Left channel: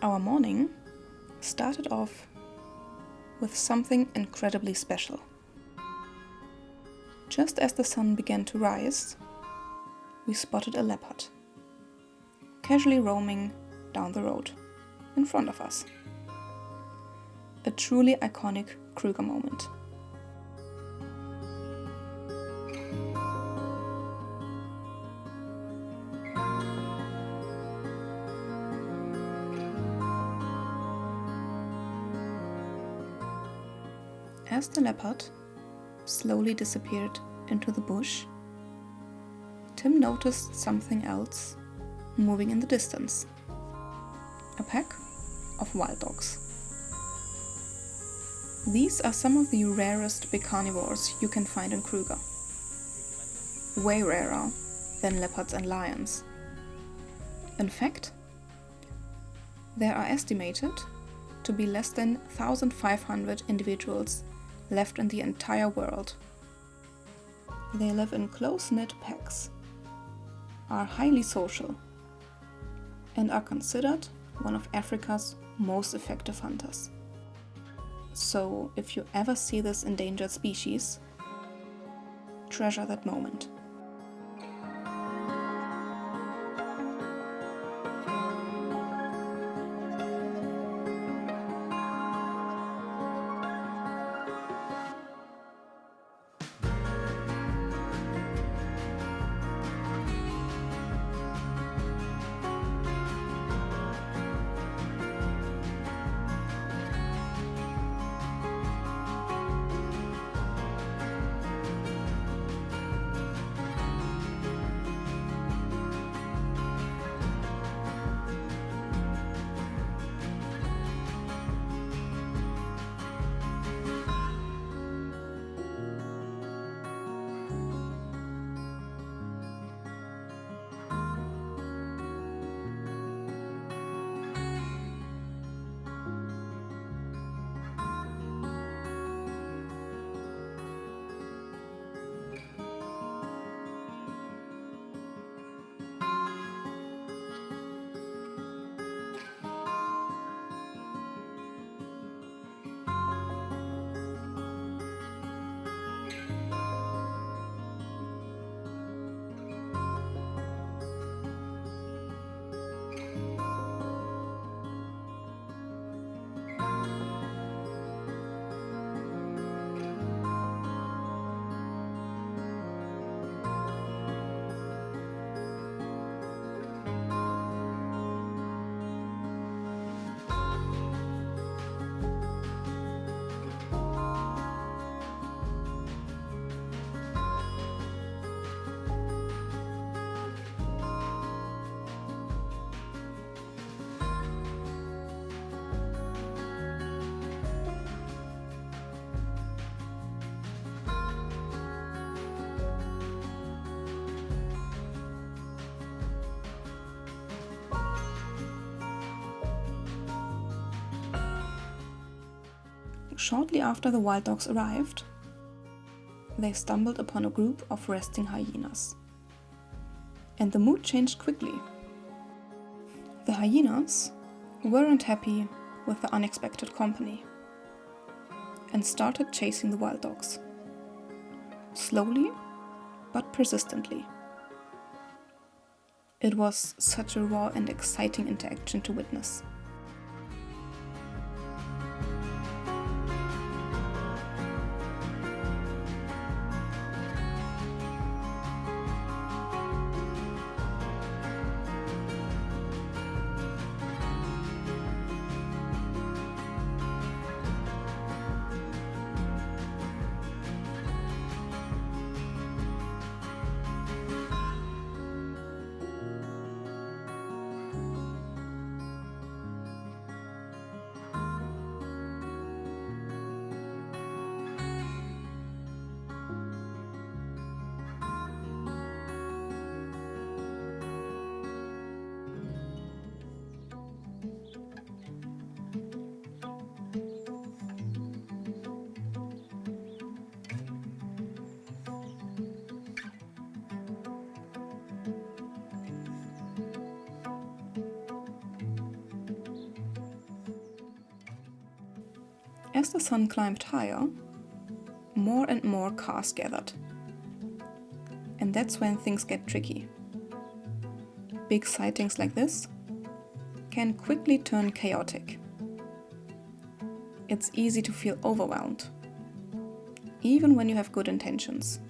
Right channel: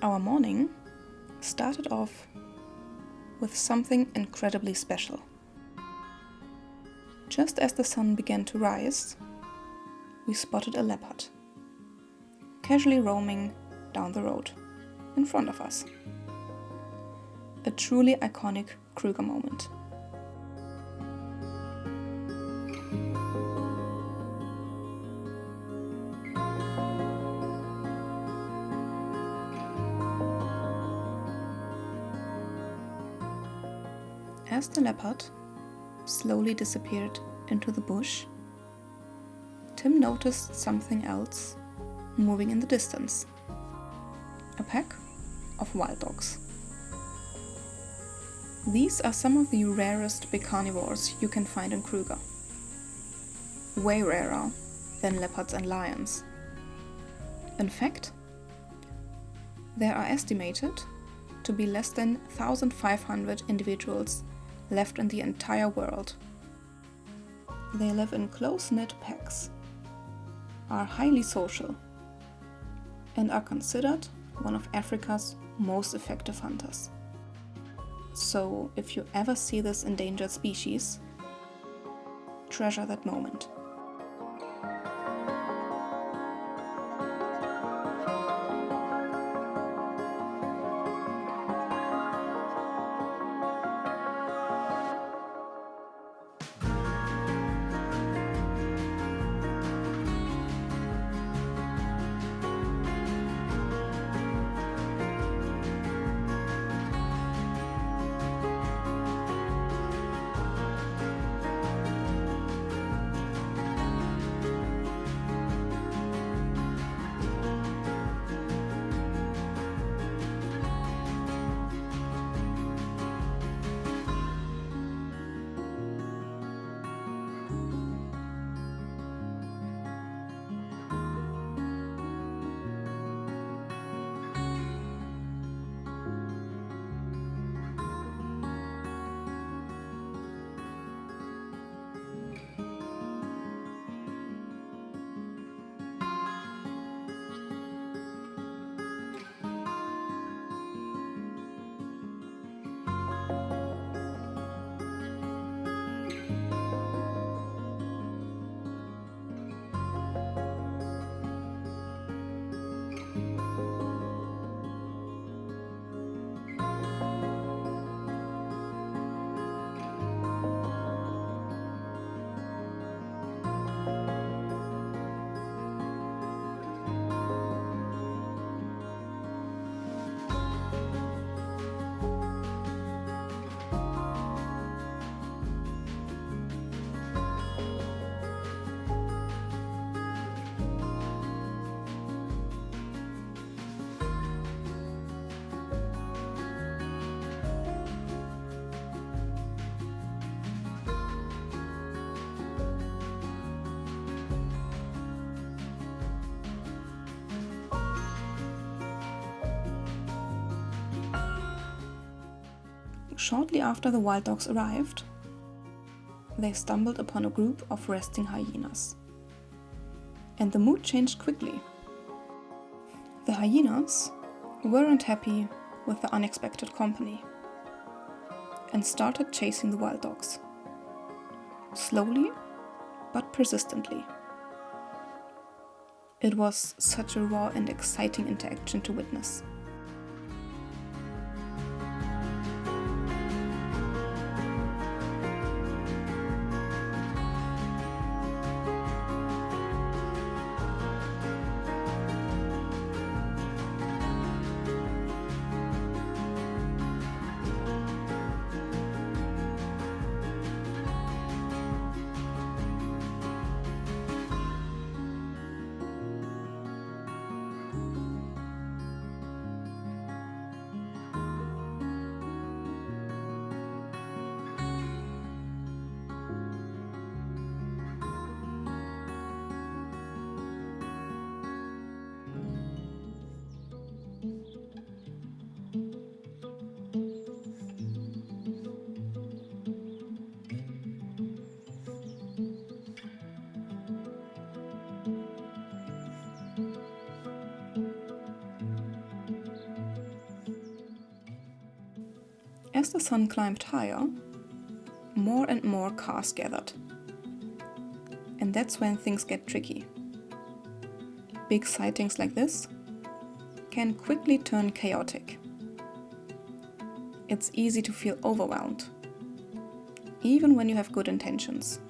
Our morning started off with something incredibly special. Just as the sun began to rise, we spotted a leopard, casually roaming down the road in front of us. A truly iconic Kruger moment. As the leopard slowly disappeared into the bush, Tim noticed something else moving in the distance. A pack of wild dogs. These are some of the rarest big carnivores you can find in Kruger. Way rarer than leopards and lions. In fact, there are estimated to be less than 1,500 individuals left in the entire world. They live in close-knit packs, are highly social, and are considered one of Africa's most effective hunters. So if you ever see this endangered species, treasure that moment. Shortly after the wild dogs arrived, they stumbled upon a group of resting hyenas. And the mood changed quickly. The hyenas weren't happy with the unexpected company and started chasing the wild dogs. Slowly, but persistently. It was such a raw and exciting interaction to witness. As the sun climbed higher, more and more cars gathered. And that's when things get tricky. Big sightings like this can quickly turn chaotic. It's easy to feel overwhelmed, even when you have good intentions.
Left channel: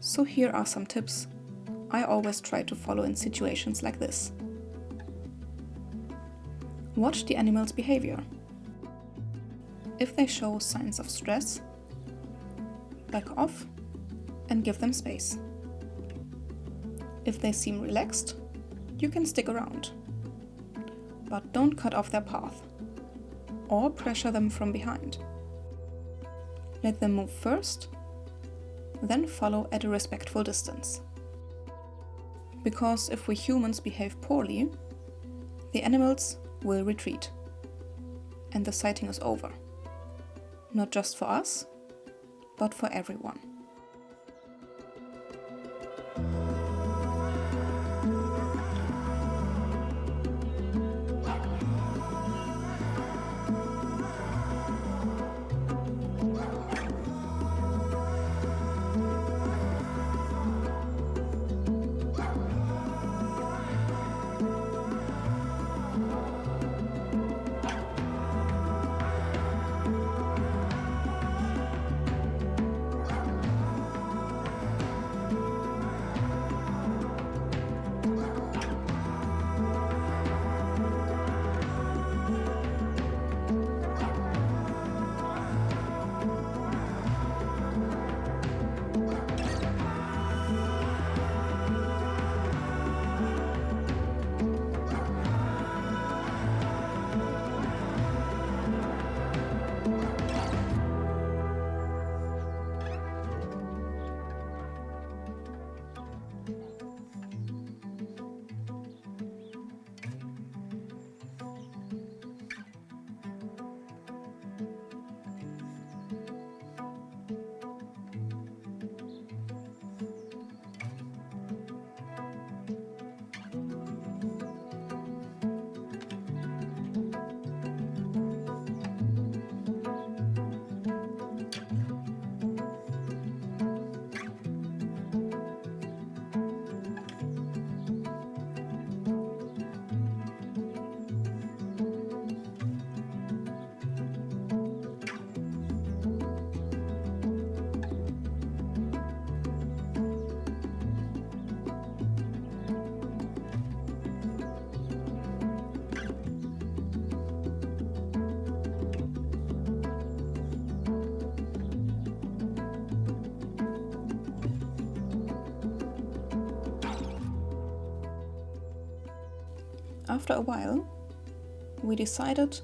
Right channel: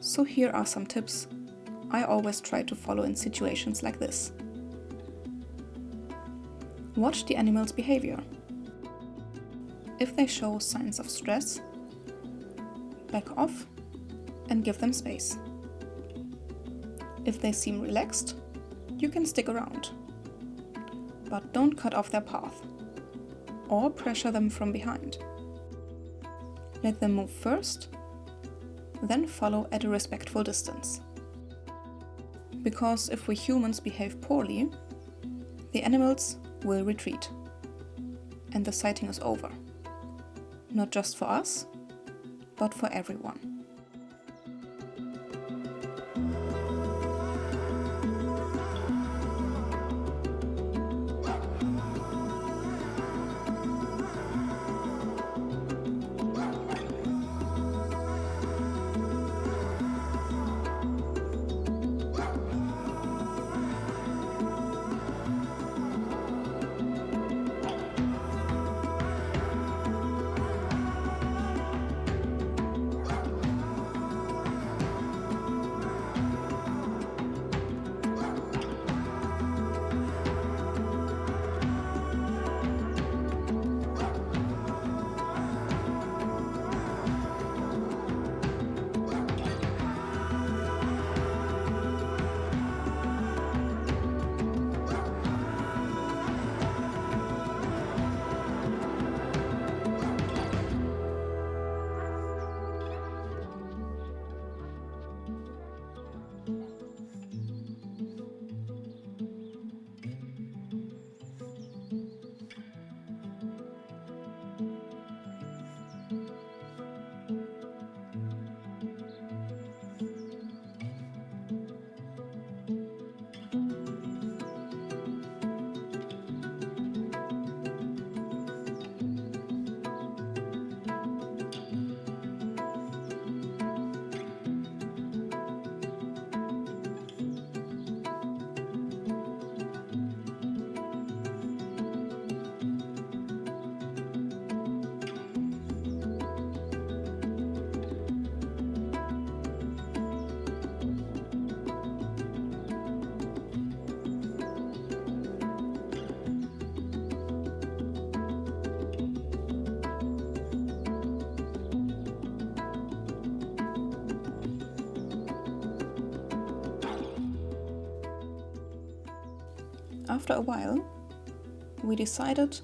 So here are some tips I always try to follow in situations like this. Watch the animal's behavior. If they show signs of stress, back off and give them space. If they seem relaxed, you can stick around. But don't cut off their path or pressure them from behind. Let them move first, then follow at a respectful distance. Because if we humans behave poorly, the animals will retreat and the sighting is over. Not just for us, but for everyone. After a while, we decided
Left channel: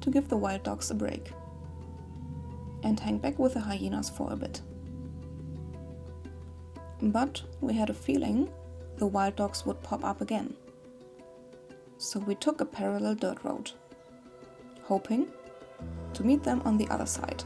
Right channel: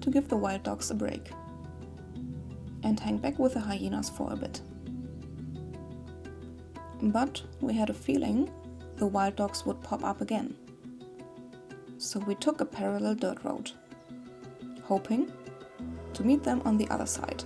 to give the wild dogs a break and hang back with the hyenas for a bit. But we had a feeling the wild dogs would pop up again. So we took a parallel dirt road, hoping to meet them on the other side.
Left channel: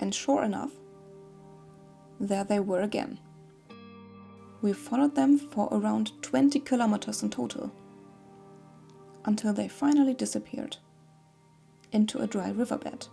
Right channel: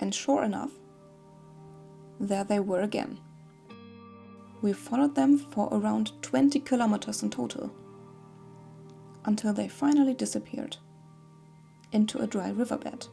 And sure enough, there they were again. We followed them for around 20 kilometers in total, until they finally disappeared into a dry riverbed.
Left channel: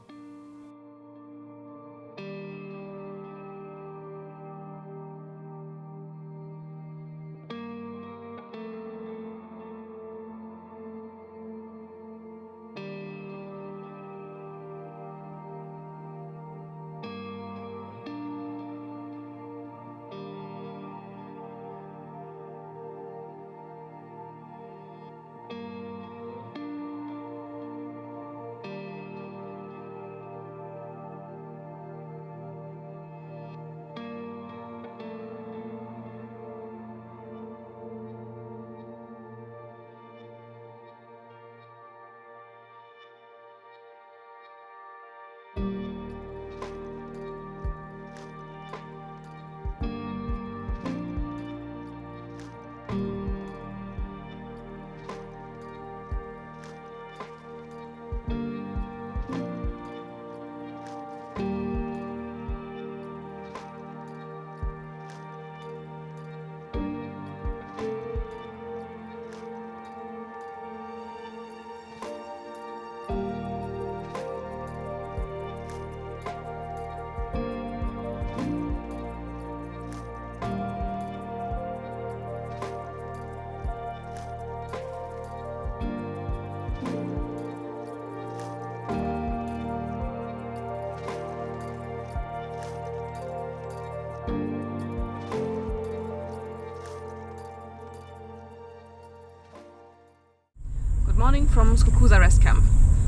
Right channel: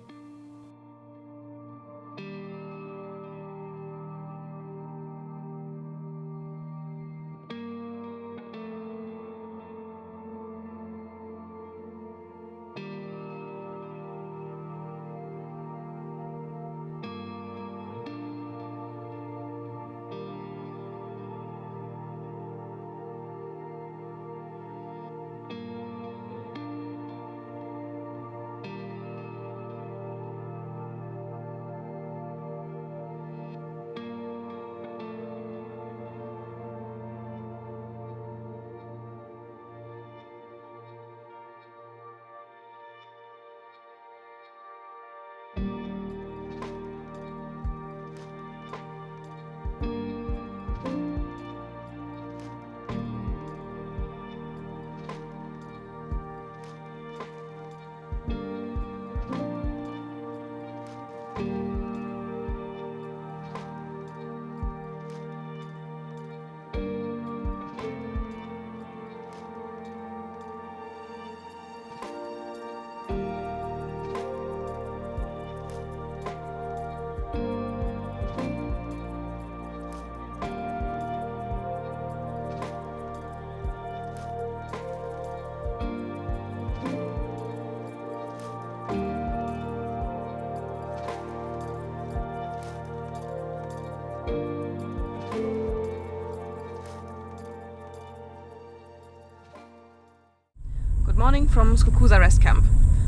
Good morning from Skukuza Rest Camp.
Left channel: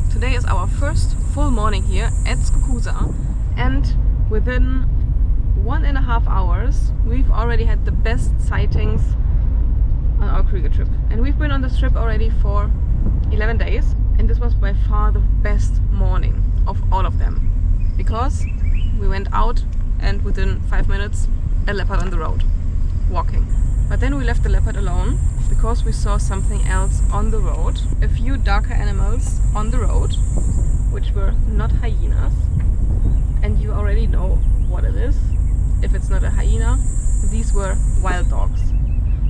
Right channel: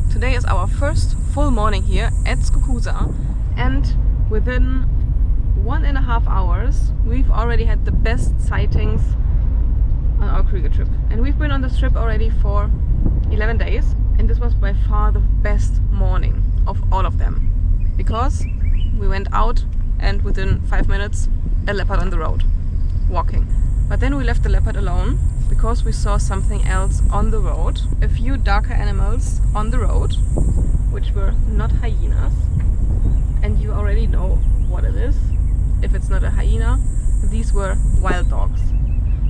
Today is our first full morning here at Skukuza, and within 1.5 hours we've already had the best sightings on our Kruger trip. And we've been on this trip already for 11 days, and this was by far the best morning of all of them, because we went out and within 5 minutes a leopard on the road, walking. But then we left the leopard alone because we saw something else on the road. A few darker animals on the road, which were not hyenas. And you already know what it is. If it's not a hyena, these were wild dogs.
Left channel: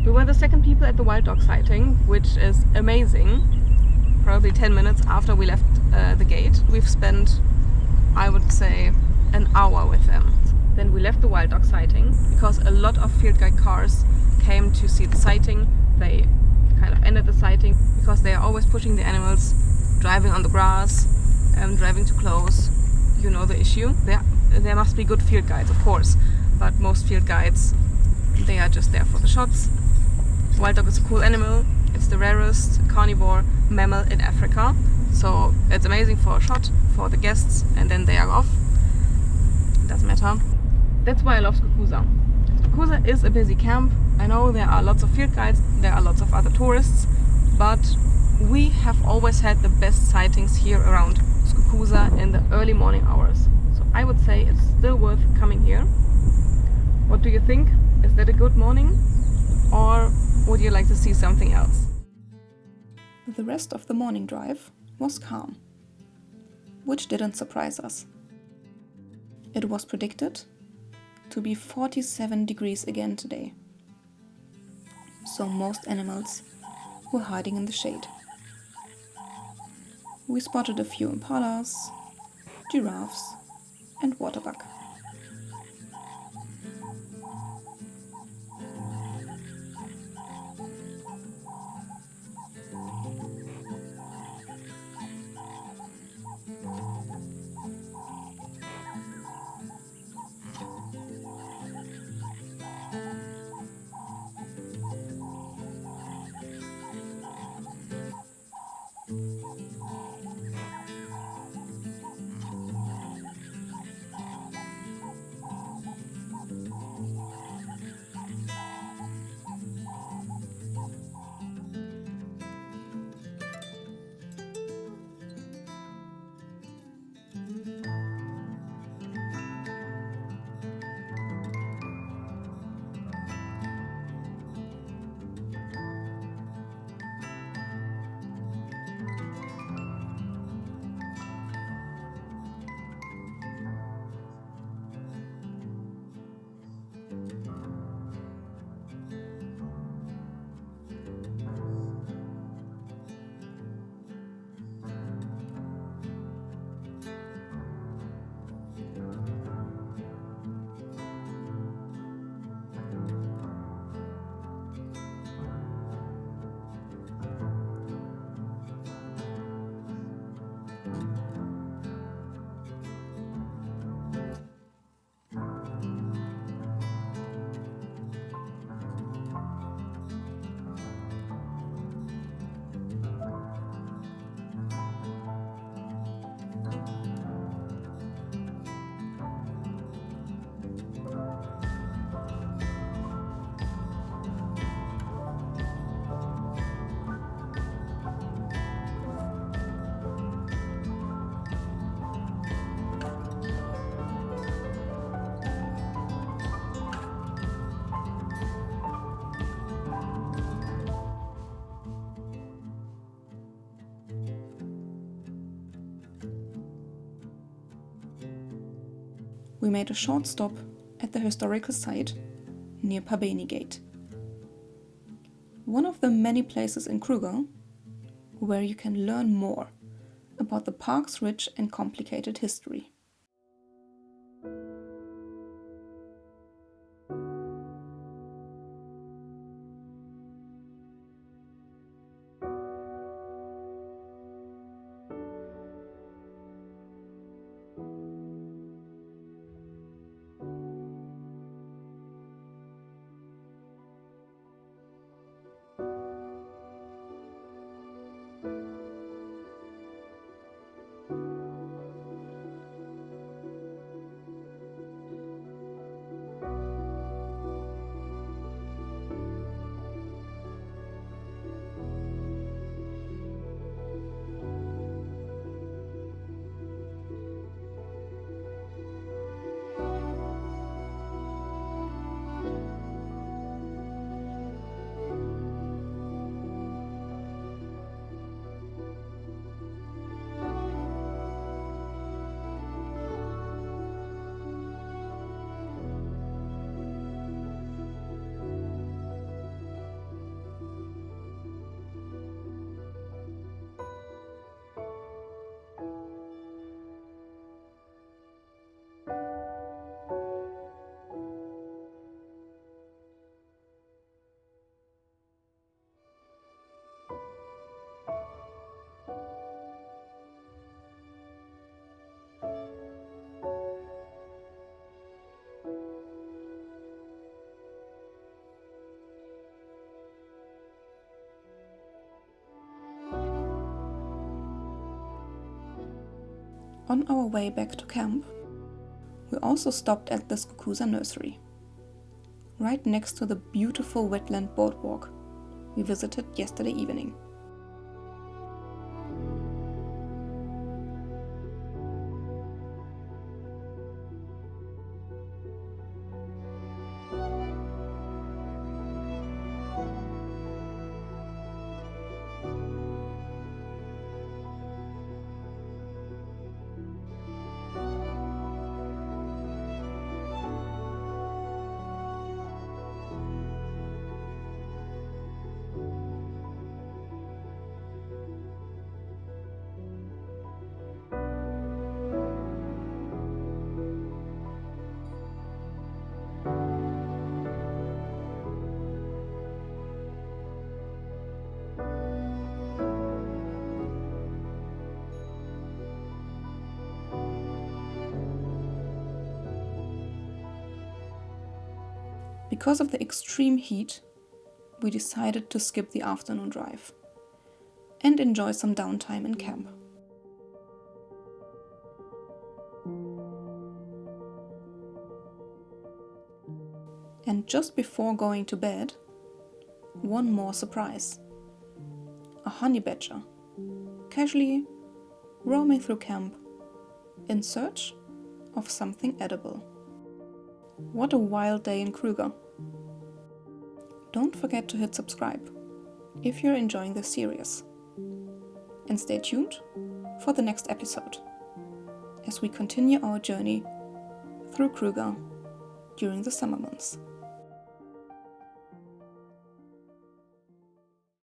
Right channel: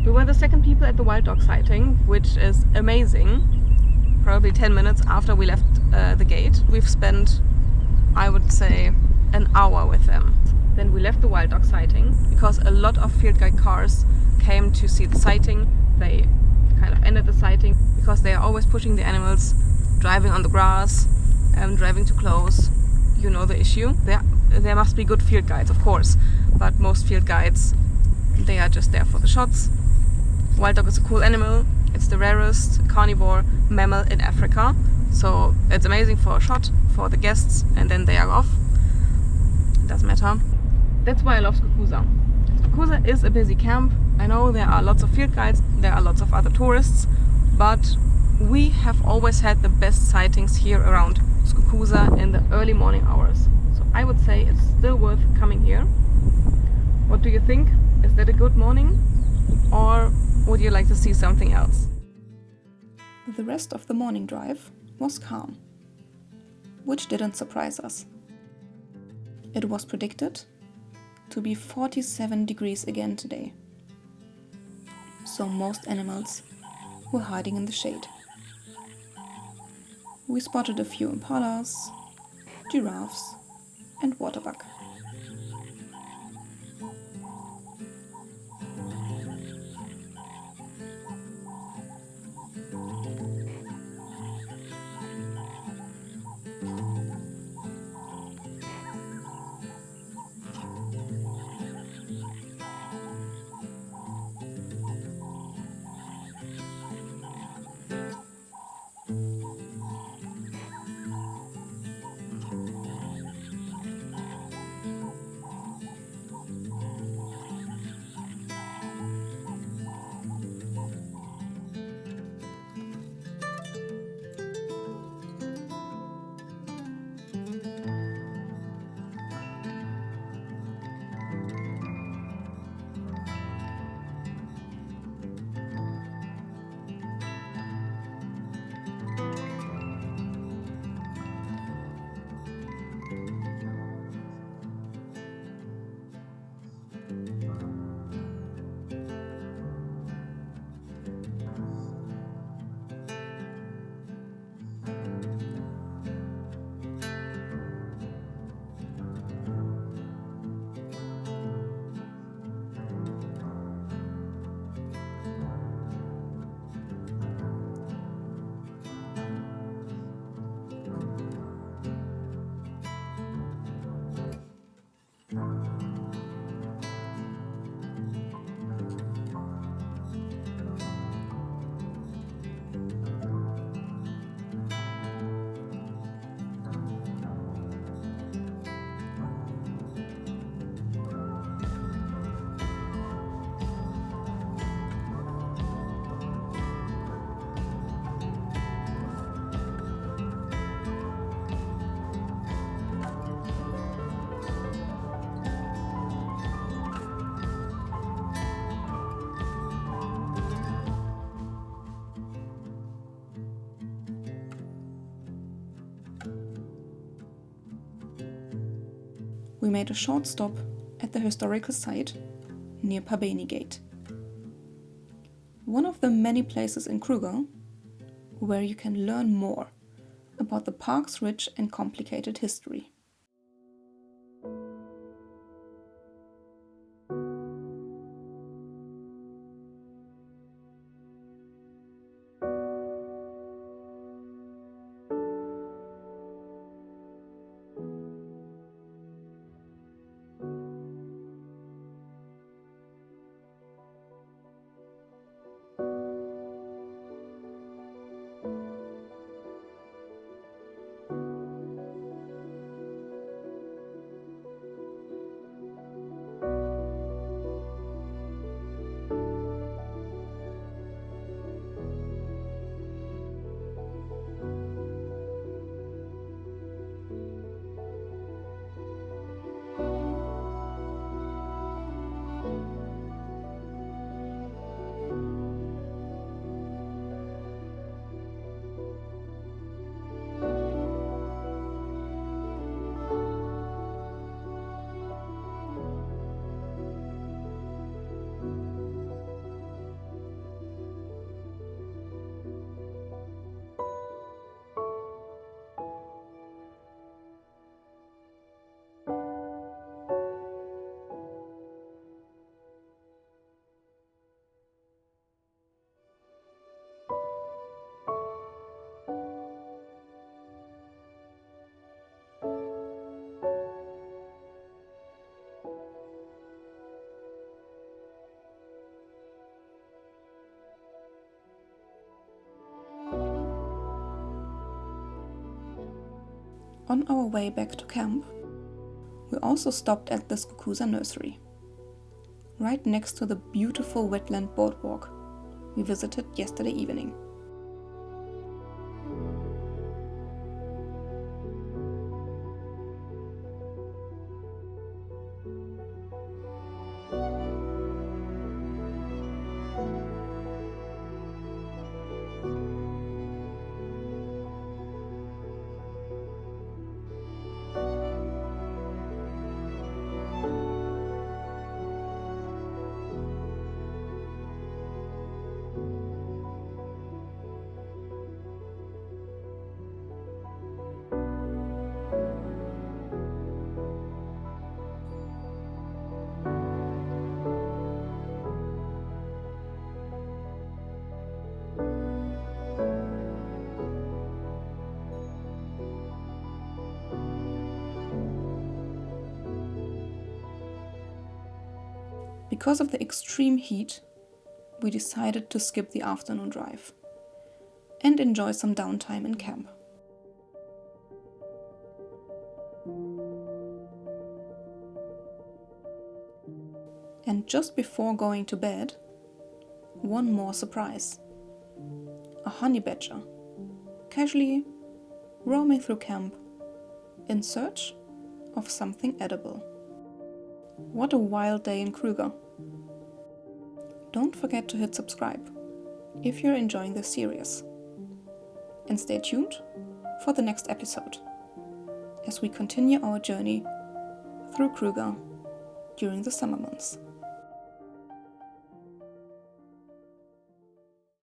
We were the second people at the wild dog sighting, which is amazing. Probably 10 minutes after we left the gate. We've spent, I would say, an hour with them. Then we left the wild dog sighting because a lot of field guide cars came to see the sighting. They kind of ended the sighting because they are always pushing the animals, driving on the grass, driving too close. You know the issue. There must be good field guides, of course, but most field guides, they are just there for the shots. Wild dog is a cool animal. It's the rarest carnivore mammal in Africa, so it's amazing for a shot for the guests, and then they are off. It doesn't matter. That's why I love Skukuza. Skukuza is a busy camp. I know there are lots of field guides, there are lots of other tourists, but we have always had the best sightings here around Skukuza in the early morning hours. So I would say it's still worth coming here. What do you think? Is that a good morning? Or would you like to see something else? The rest of the morning drive was calm, which didn't surprise us. It was predicted to be 47 degrees again today, so most animals were hiding in the shade. We spotted a few impalas, giraffes and waterbuck. We made a short stop at the historical site near Phabeni Gate, one of the many places in Kruger where you can learn more about the park's rich and complicated history. On our way back to camp, we also stopped at the Skukuza Nursery, right next to the beautiful wetland boardwalk we visited yesterday evening. Because of the extreme heat, we decided to skip the afternoon drive and enjoy some downtime in camp. And just before going to bed, one more surprise. A honey badger, casually roaming through camp in search of something edible. What a wild day in Kruger. Don't forget to hit subscribe if you're enjoying this series. And stay tuned for the next episode as we continue our journey through Kruger during the summer months.